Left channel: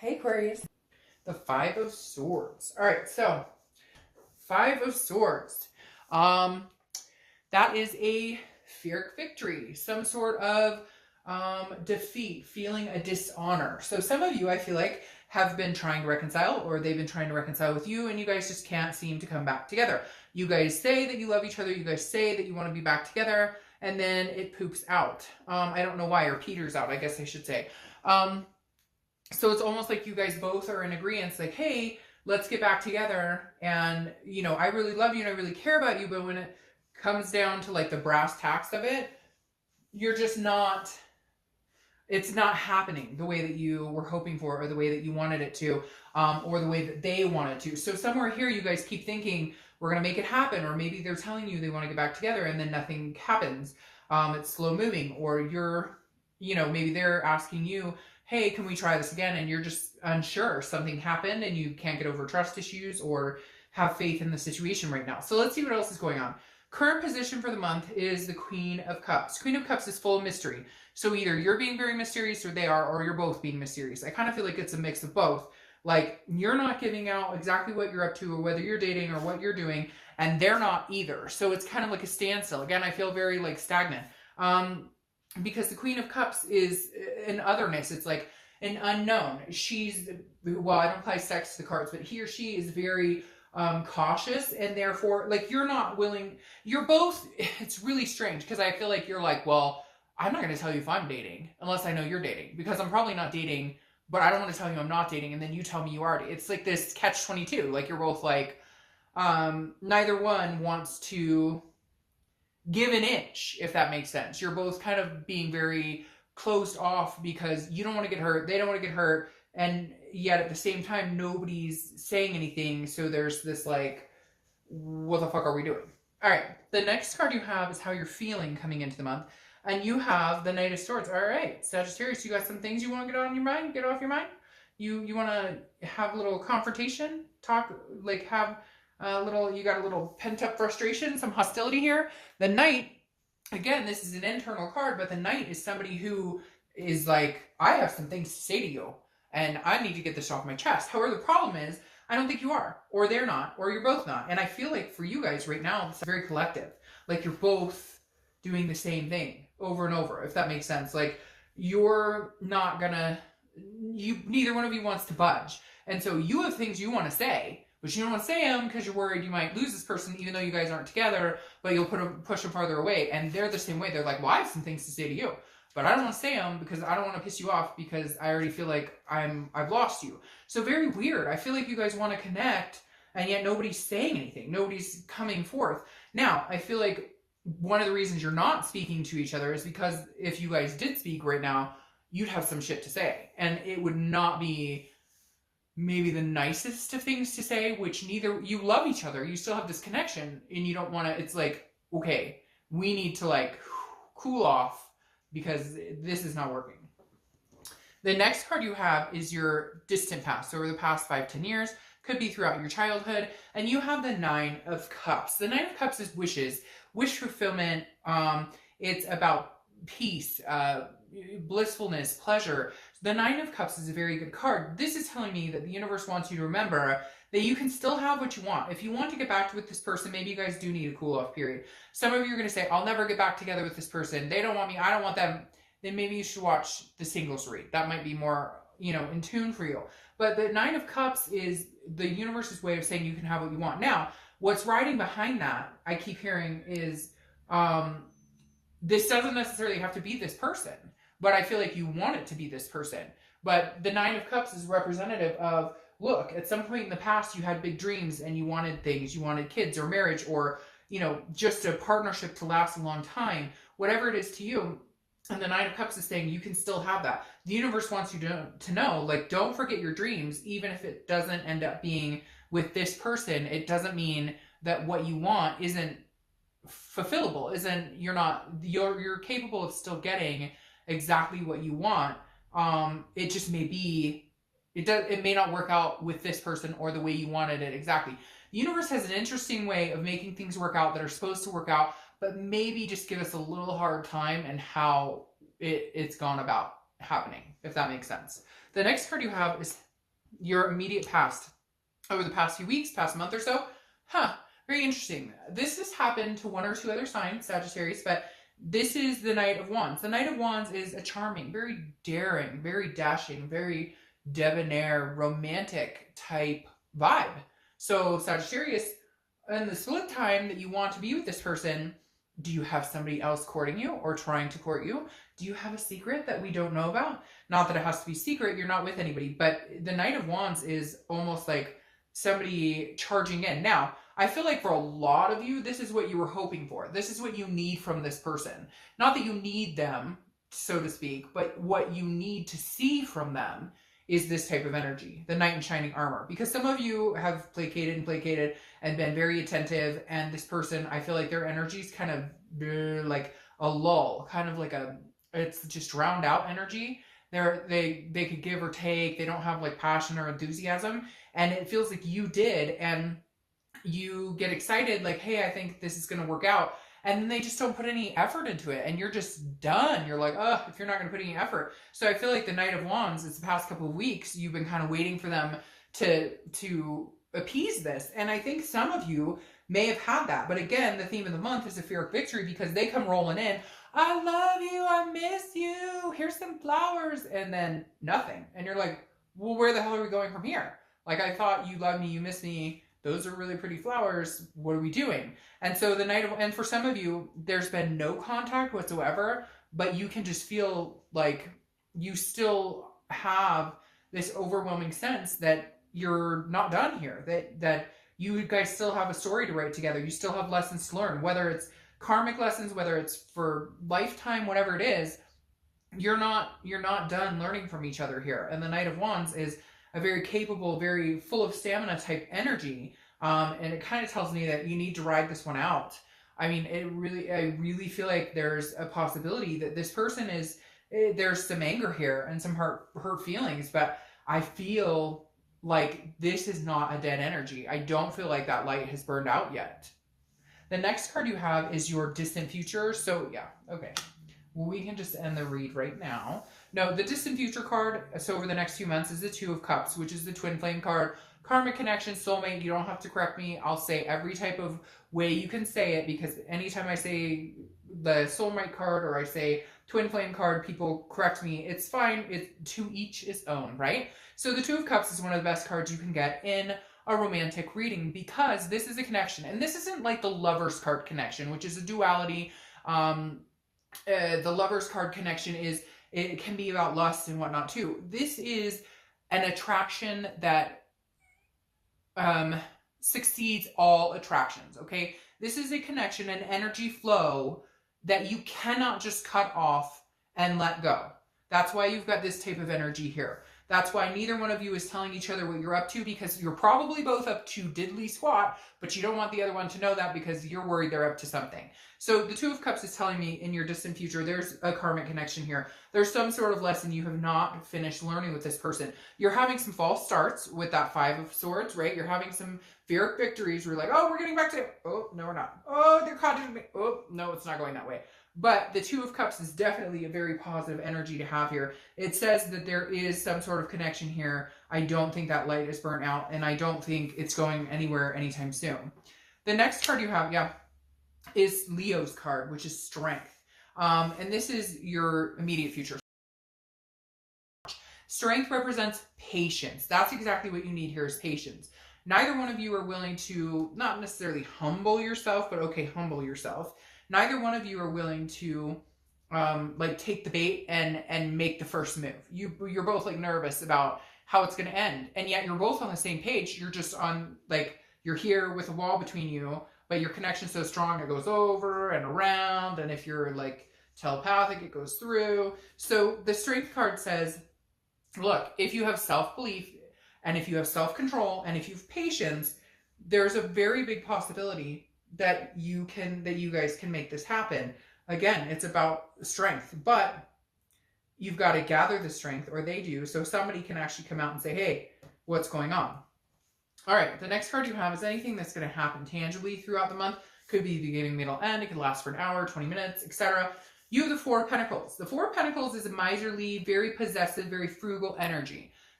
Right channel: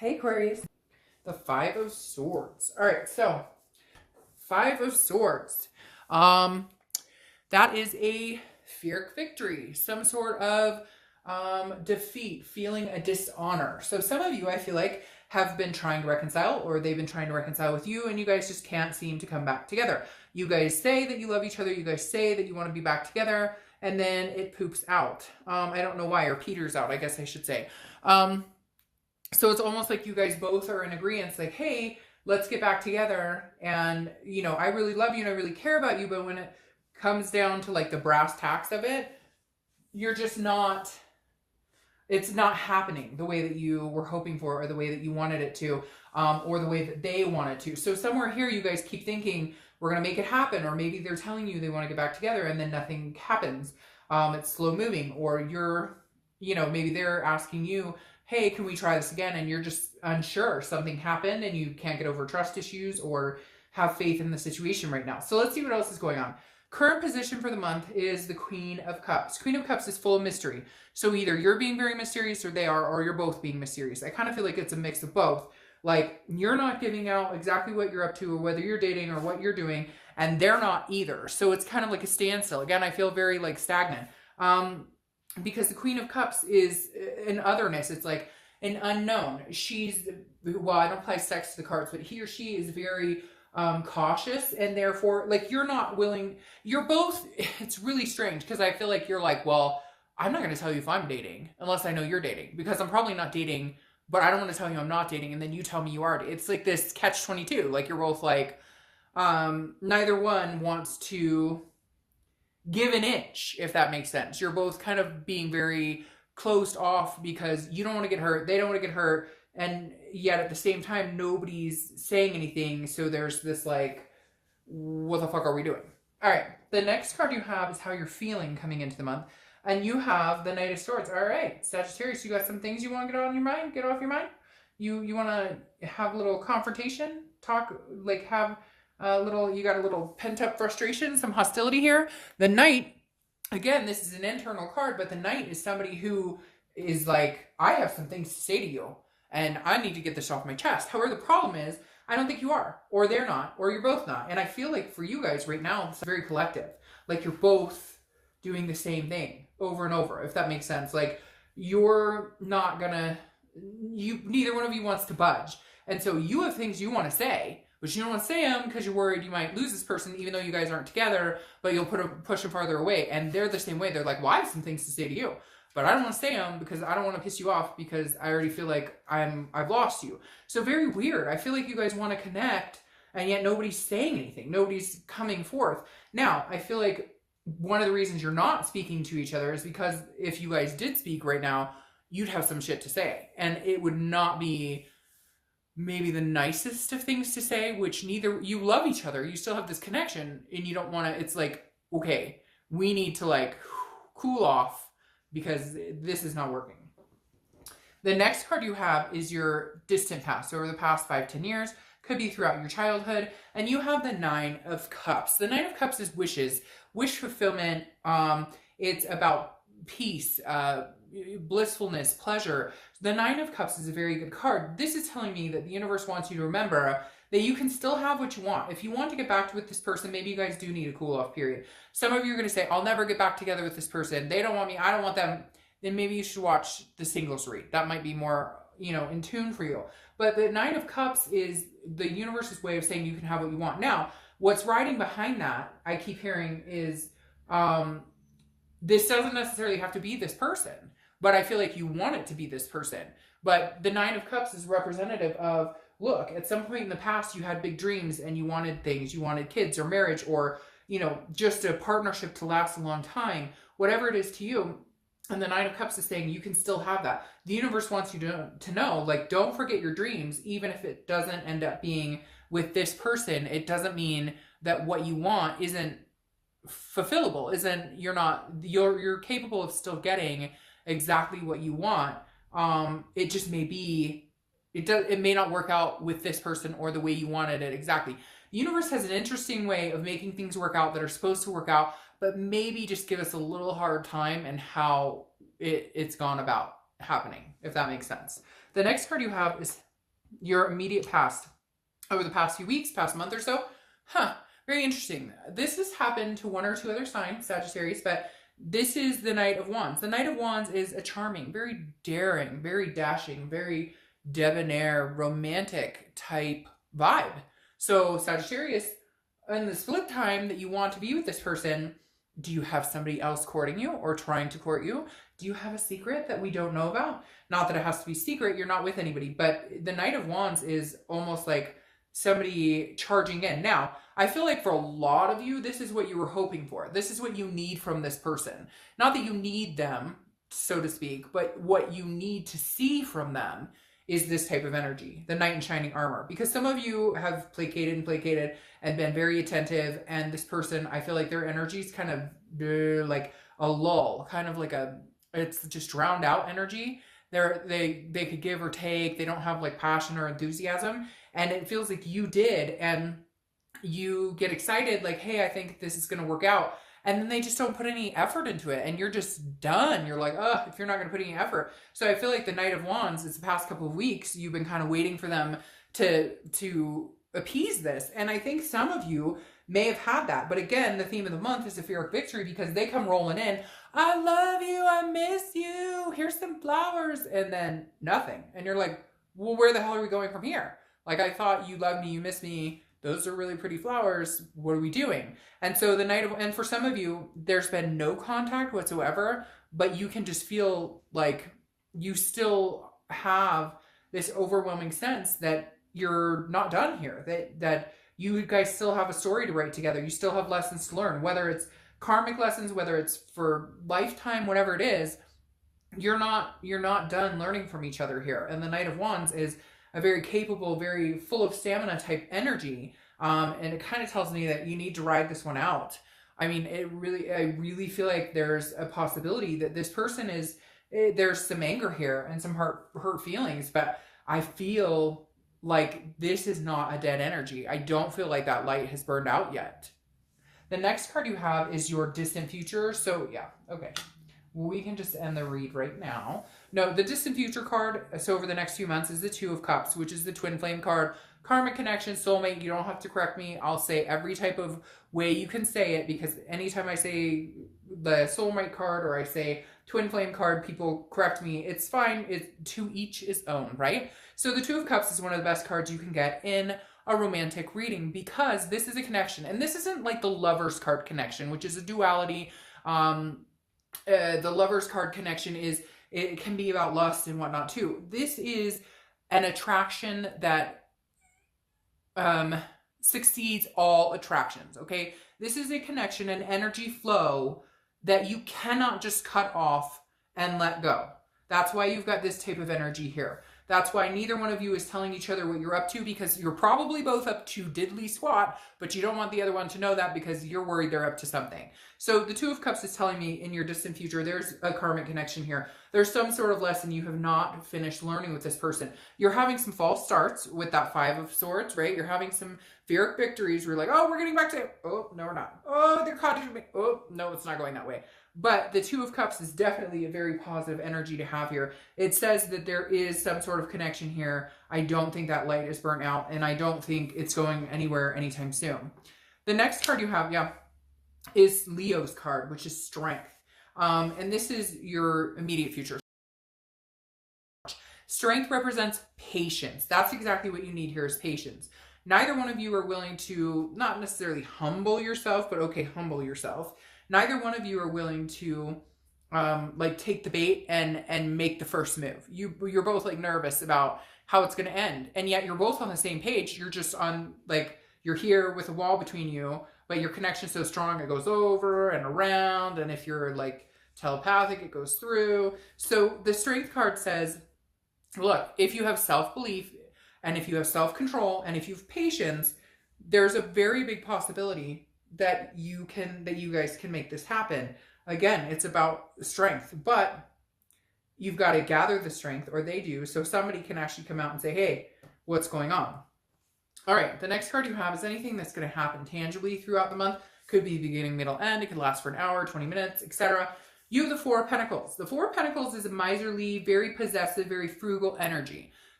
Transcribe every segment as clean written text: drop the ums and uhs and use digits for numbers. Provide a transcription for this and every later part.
Hey Aquarius. The Five of Swords. All right, so Five of Swords. That is a Pyrrhic victory, some sort of defeat, feeling a dishonor. So some of you, I feel like, have been trying to reconcile, or they've been trying to reconcile with you, and you guys just can't seem to come back together. You guys say that you love each other, you guys say that you want to be back together, and then it poops out. I don't know why, or peters out, I guess I should say. So it's almost like you guys both are in agreement, like, hey, let's get back together. And, you know, I really love you and I really care about you. But when it comes down to like the brass tacks of it, you're just not, it's not happening the way that you were hoping for, or the way that you wanted it to, or the way that they wanted to. So somewhere here, you guys keep thinking, we're going to make it happen. Or maybe they're telling you they want to get back together and then nothing happens. It's slow moving. Or you're, you know, maybe they're asking you, hey, can we try this again? And you're just unsure. Something happened and you can't get over trust issues or have faith in the situation right now. So let's see what else is going on. Current position for the month is the Queen of Cups. Queen of Cups is full of mystery. So either you're being very mysterious or they are, or you're both being mysterious. I kind of feel like it's a mix of both. Like, you're not giving out exactly what you're up to or whether you're dating or what you're doing, and they're not either. So it's kind of like a standstill. Again, I feel very like stagnant. Because the Queen of Cups is an otherness. It's like an unknown. She's, well, I don't apply sex to the cards, but he or she is very cautious, and therefore, like, you're not willing, you're both, it's really strange, because I feel like you're like, well, I'm not going to tell you if I'm dating, unless I know you're dating, because I'm probably not dating, but I don't want to tell you I'm not dating, and then you tell me you are. It's like this catch-22, like, you're both like, neither one wants to give an inch, if that makes sense. You're both kind of being very closed off because you don't want to get hurt, they don't want to get hurt, and yet at the same time nobody's saying anything. So there's this like, what the fuck are we doing? All right, the next card you have is how you're feeling coming into the month, and you have the Knight of Swords. All right, Sagittarius, you got some things you want to get on your mind, get off your mind. You want to have a little confrontation, talk, like have you got a little pent-up frustration, some hostility here. The Knight, again, this is an internal card, but the Knight is somebody who is like, I have some things to say to you, and I need to get this off my chest. However, the problem is, I don't think you are, or they're not, or you're both not. And I feel like for you guys right now, it's very collective. Like, you're both doing the same thing over and over, if that makes sense. Like, you're not gonna, neither one of you wants to budge. And so you have things you want to say, but you don't want to say them because you're worried you might lose this person, even though you guys aren't together, but you'll push them farther away. And they're the same way. They're like, well, I have some things to say to you, but I don't want to say them because I don't want to piss you off, because I already feel like I've lost you. So very weird. I feel like you guys want to connect, and yet nobody's saying anything. Nobody's coming forth. Now, I feel like one of the reasons you're not speaking to each other is because if you guys did speak right now, you'd have some shit to say. And it would not be maybe the nicest of things to say, which neither, you love each other, you still have this connection, and you don't want to, it's like, okay, we need to like cool off because this is not working. The next card you have is your distant past, so over the past 5-10 years, could be throughout your childhood, and you have the Nine of Cups. The Nine of Cups is wishes, wish fulfillment. It's about peace, blissfulness, pleasure. The Nine of Cups is a very good card. This is telling me that the universe wants you to remember that you can still have what you want. If you want to get back with this person, maybe you guys do need a cool off period. Some of you are going to say, I'll never get back together with this person. They don't want me. I don't want them. Then maybe you should watch the singles read. That might be more, you know, in tune for you. But the Nine of Cups is the universe's way of saying you can have what you want. Now, what's riding behind that, I keep hearing, is this doesn't necessarily have to be this person, but I feel like you want it to be this person. But the Nine of Cups is representative of, look, at some point in the past, you had big dreams and you wanted things. You wanted kids or marriage or, you know, just a partnership to last a long time, whatever it is to you. And the Nine of Cups is saying you can still have that. The universe wants you to know, like, don't forget your dreams, even if it doesn't end up being with this person. It doesn't mean that what you want isn't fulfillable, you're capable of still getting exactly what you want. It just may be, it may not work out with this person or the way you wanted it exactly. The universe has an interesting way of making things work out that are supposed to work out, but maybe just give us a little hard time and how it's gone about happening, if that makes sense. The next card you have is your immediate past over the past few weeks, past month or so. Very interesting. This has happened to one or two other signs, Sagittarius, but this is the Knight of Wands. The Knight of Wands is a charming, very daring, very dashing, very debonair, romantic type vibe. So Sagittarius, in the split time that you want to be with this person, do you have somebody else courting you or trying to court you? Do you have a secret that we don't know about? Not that it has to be secret, you're not with anybody, but the Knight of Wands is almost like somebody charging in. Now, I feel like for a lot of you, this is what you were hoping for. This is what you need from this person. Not that you need them, so to speak, but what you need to see from them is this type of energy, the knight in shining armor. Because some of you have placated and been very attentive, and this person, I feel like their energy is kind of like a lull, kind of like it's just drowned out energy. They could give or take. They don't have like passion or enthusiasm, and it feels like you did, and you get excited like, hey, I think this is going to work out, and then they just don't put any effort into it, and you're just done. You're like, oh, if you're not going to put any effort. So I feel like the Knight of Wands, it's the past couple of weeks, you've been kind of waiting for them to appease this, and I think some of you may have had that. But again, the theme of the month is the fear of victory, because they come rolling in, I love you, I miss you, here's some flowers, and then nothing. And you're like, well, where the hell are we going from here? Like, I thought you love me, you miss me, those are really pretty flowers, what are we doing? And so and for some of you, there's been no contact whatsoever, but you can just feel like you still have this overwhelming sense that you're not done here, that you guys still have a story to write together. You still have lessons to learn, whether it's karmic lessons, whether it's for lifetime, whatever it is. You're not done learning from each other here. And the Knight of Wands is a very capable, very full of stamina type energy. And it kind of tells me that you need to ride this one out. I mean, I really feel like there's a possibility that this person there's some anger here and some hurt feelings, but I feel like this is not a dead energy. I don't feel like that light has burned out yet. The next card you have is your distant future. So yeah, okay. We can just end the read right now. No, the distant future card, so over the next few months, is the Two of Cups, which is the twin flame card. Karmic connection, soulmate, you don't have to correct me. I'll say every type of way you can say it, because anytime I say the soulmate card or I say twin flame card, people correct me. It's fine. To each his own, right? So the Two of Cups is one of the best cards you can get in a romantic reading, because this is a connection. And this isn't like the Lover's card connection, which is a duality. The Lover's card connection it can be about lust and whatnot too. This is an attraction that succeeds all attractions, okay? This is a connection, an energy flow that you cannot just cut off and let go. That's why you've got this type of energy here. That's why neither one of you is telling each other what you're up to, because you're probably both up to diddly squat, but you don't want the other one to know that because you're worried they're up to something. So the Two of Cups is telling me in your distant future, there's a karmic connection here. There's some sort of lesson you have not finished learning with this person. You're having some false starts with that Five of Swords, right? You're having some Pyrrhic victories where you're like, oh, we're getting back to it. Oh, no, we're not. Oh, they're caught in me. Oh, no, it's not going that way. But the Two of Cups is definitely a very positive energy to have here. It says that there is some sort of connection here. I don't think that light is burnt out, and I don't think it's going anywhere anytime soon. The next card you have, is Leo's card, which is Strength. And this is your immediate future. Strength represents patience. That's exactly what you need here, is patience. Neither one of you are willing to, not necessarily humble yourself, but okay, humble yourself. Neither one of you are willing to like take the bait and make the first move. You're both like nervous about how it's going to end, and yet you're both on the same page. You're just on, like, you're here with a wall between you, but your connection's so strong it goes over and around, and if you're like telepathic, it goes through. So the Strength card says, look, if you have self-belief and if you have self-control and if you have patience, there's a very big possibility that you guys can make this happen. Again, it's about strength, but you've got to gather the strength, or they do, so somebody can actually come out and say, hey, what's going on? All right, the next card you have is anything that's going to happen tangibly throughout the month. Could be beginning, middle, end. It could last for an hour, 20 minutes, etc. You have the Four of Pentacles. The Four of Pentacles is a miserly, very possessive, very frugal energy.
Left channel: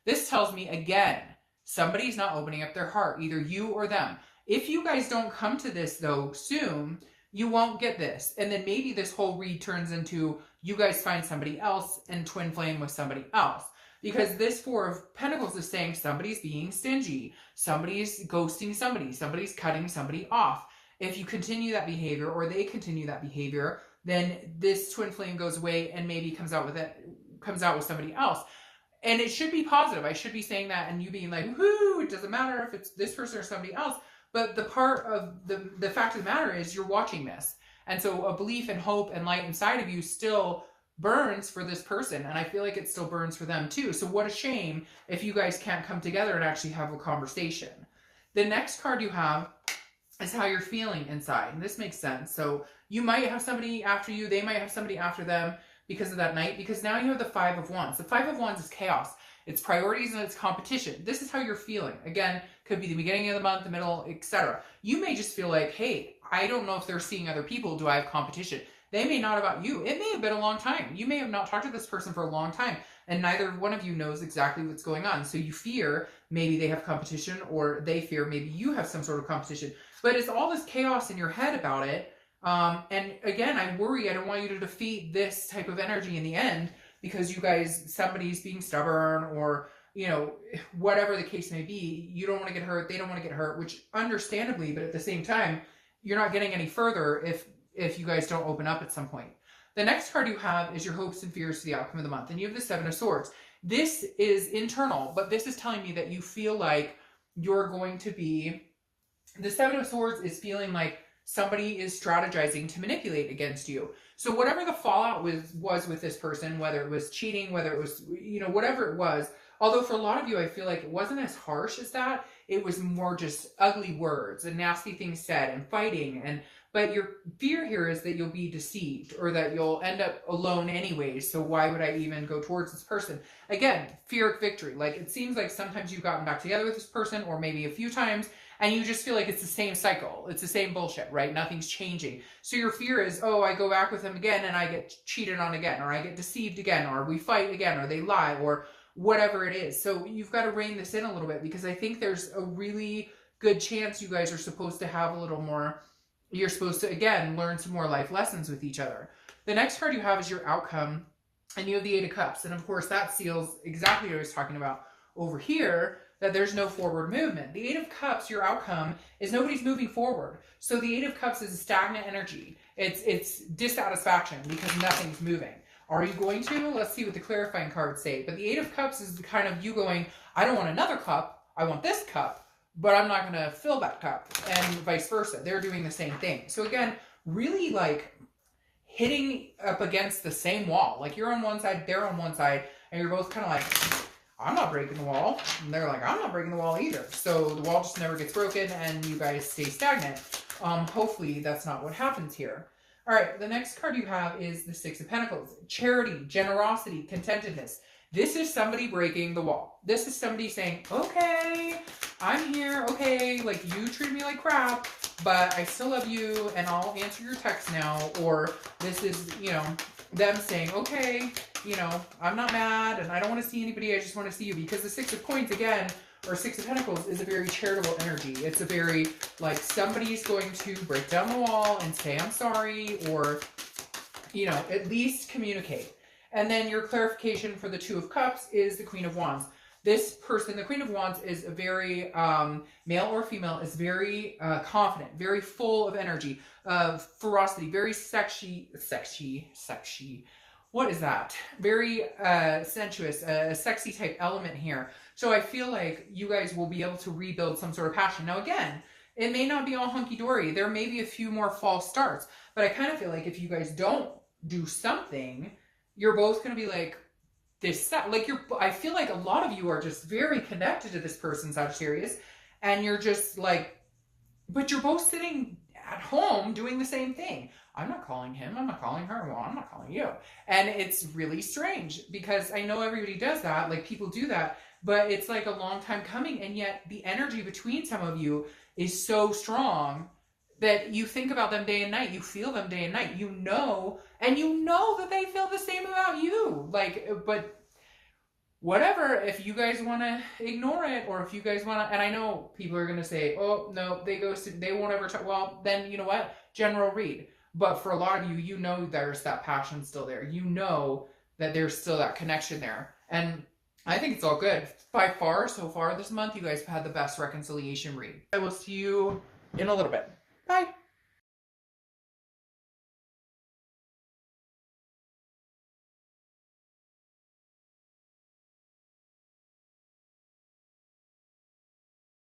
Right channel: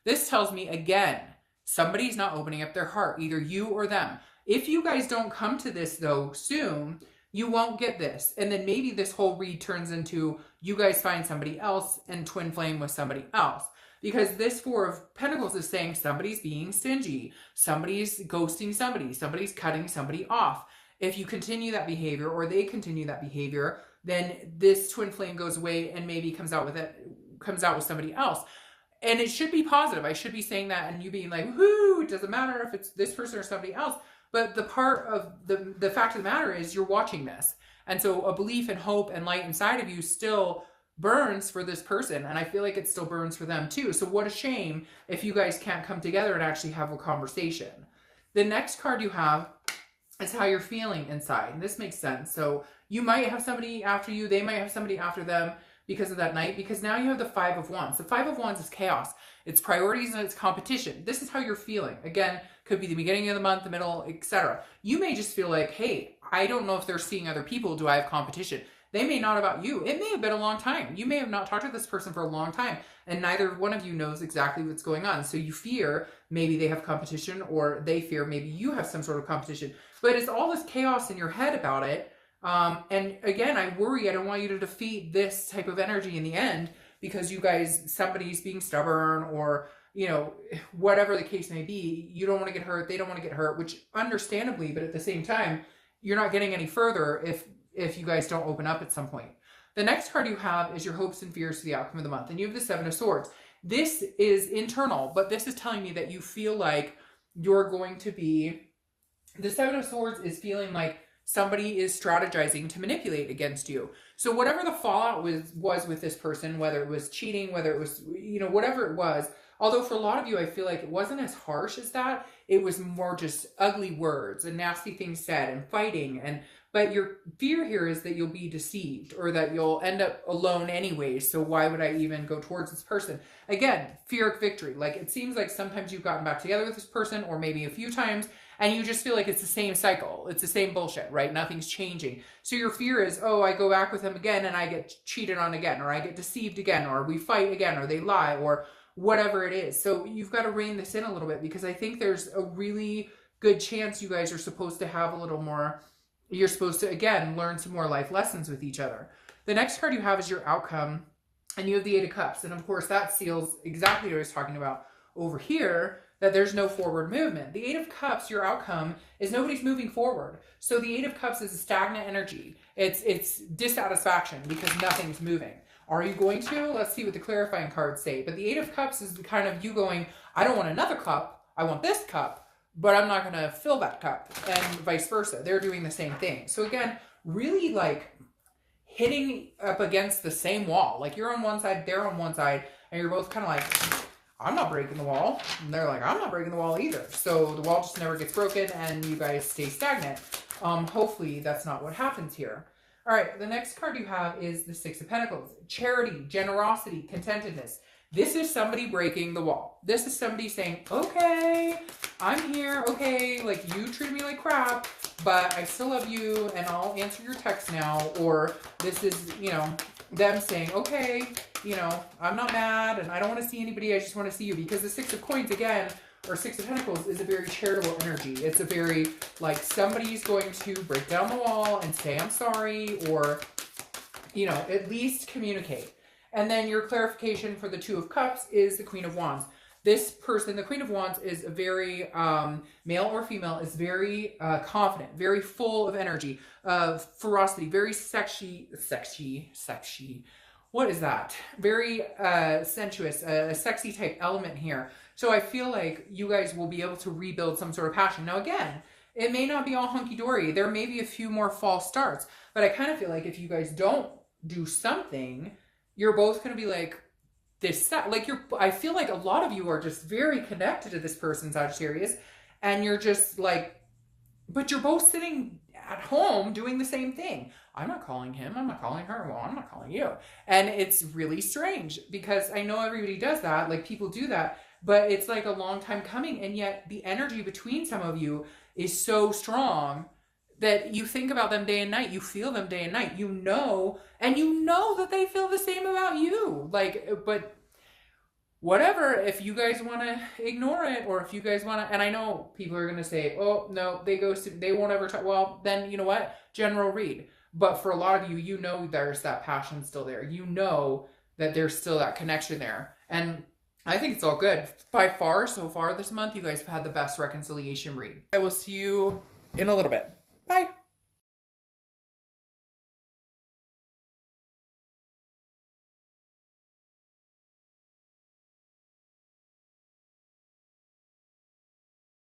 This tells me, again, somebody's not opening up their heart, either you or them. If you guys don't come to this, though, soon, you won't get this. And then maybe this whole read turns into you guys find somebody else and twin flame with somebody else. Because this Four of Pentacles is saying somebody's being stingy, somebody's ghosting somebody, somebody's cutting somebody off. If you continue that behavior, or they continue that behavior, then this twin flame goes away and maybe comes out with somebody else. And it should be positive. I should be saying that and you being like, whoo, it doesn't matter if it's this person or somebody else. But the part of the fact of the matter is you're watching this. And so a belief and hope and light inside of you still burns for this person. And I feel like it still burns for them too. So what a shame if you guys can't come together and actually have a conversation. The next card you have is how you're feeling inside. This makes sense. So you might have somebody after you. They might have somebody after them because of that night. Because now you have the Five of Wands. The Five of Wands is chaos. It's priorities and it's competition. This is how you're feeling. Again, could be the beginning of the month, the middle, etc. You may just feel like, hey, I don't know if they're seeing other people. Do I have competition? They may not about you. It may have been a long time. You may have not talked to this person for a long time, and neither one of you knows exactly what's going on. So you fear maybe they have competition, or they fear maybe you have some sort of competition. But it's all this chaos in your head about it. And again, I worry. I don't want you to defeat this type of energy in the end because you guys, somebody's being stubborn, or you know, whatever the case may be. You don't want to get hurt. They don't want to get hurt, which understandably, but at the same time, you're not getting any further if you guys don't open up at some point. The next card you have is your hopes and fears for the outcome of the month. And you have the Seven of Swords. This is internal, but this is telling me that you feel like you're going to be... The Seven of Swords is feeling like somebody is strategizing to manipulate against you. So whatever the fallout was with this person, whether it was cheating, whether it was, you know, whatever it was, although for a lot of you, I feel like it wasn't as harsh as that. It was more just ugly words and nasty things said and fighting. But your fear here is that you'll be deceived, or that you'll end up alone anyways. So why would I even go towards this person? Again, fear of victory. Like, it seems like sometimes you've gotten back together with this person, or maybe a few times, and you just feel like it's the same cycle. It's the same bullshit, right? Nothing's changing. So your fear is, oh, I go back with him again and I get cheated on again, or I get deceived again, or we fight again, or they lie, or whatever it is. So you've got to rein this in a little bit, because I think there's a really good chance you guys are supposed to have a little more... You're supposed to, again, learn some more life lessons with each other. The next card you have is your outcome, and you have the Eight of Cups. And of course, that seals exactly what I was talking about over here, that there's no forward movement. The Eight of Cups, your outcome, is nobody's moving forward. So the Eight of Cups is a stagnant energy. It's dissatisfaction because nothing's moving. Are you going to? Let's see what the clarifying cards say. But the Eight of Cups is the kind of you going, I don't want another cup, I want this cup. But I'm not going to fill that cup, and vice versa. They're doing the same thing. So again, really like hitting up against the same wall. Like, you're on one side, they're on one side, and you're both kind of like, I'm not breaking the wall. And they're like, I'm not breaking the wall either. So the wall just never gets broken, and you guys stay stagnant. Hopefully that's not what happens here. All right, the next card you have is the Six of Pentacles. Charity, generosity, contentedness. This is somebody breaking the wall. This is somebody saying, okay, I'm here, okay, like, you treat me like crap, but I still love you, and I'll answer your text now. Or this is, you know, them saying, okay, you know, I'm not mad, and I don't want to see anybody, I just want to see you. Because the Six of Coins, again, or Six of Pentacles, is a very charitable energy. It's a very, like, somebody's going to break down the wall and say, I'm sorry, or, you know, at least communicate. And then your clarification for the Two of Cups is the Queen of Wands. This person, the Queen of Wands, is a very, male or female, is very confident, very full of energy, of ferocity, very sexy. What is that? Very sensuous, a sexy type element here. So I feel like you guys will be able to rebuild some sort of passion. Now again, it may not be all hunky-dory. There may be a few more false starts. But I kind of feel like if you guys don't do something... You're both going to be like, this, like, I feel like a lot of you are just very connected to this person, Sagittarius, and you're just like, but you're both sitting at home doing the same thing. I'm not calling him, I'm not calling her, well, I'm not calling you. And it's really strange, because I know everybody does that, like, people do that, but it's like a long time coming, and yet the energy between some of you is so strong that you think about them day and night, you feel them day and night, you know, and you know that they feel the same about you. Like, but whatever, if you guys want to ignore it, or if you guys want to, and I know people are going to say, oh, no, they won't ever try. Well, then you know what? General read. But for a lot of you, you know there's that passion still there. You know that there's still that connection there. And I think it's all good. By far, so far this month, you guys have had the best reconciliation read. I will see you in a little bit.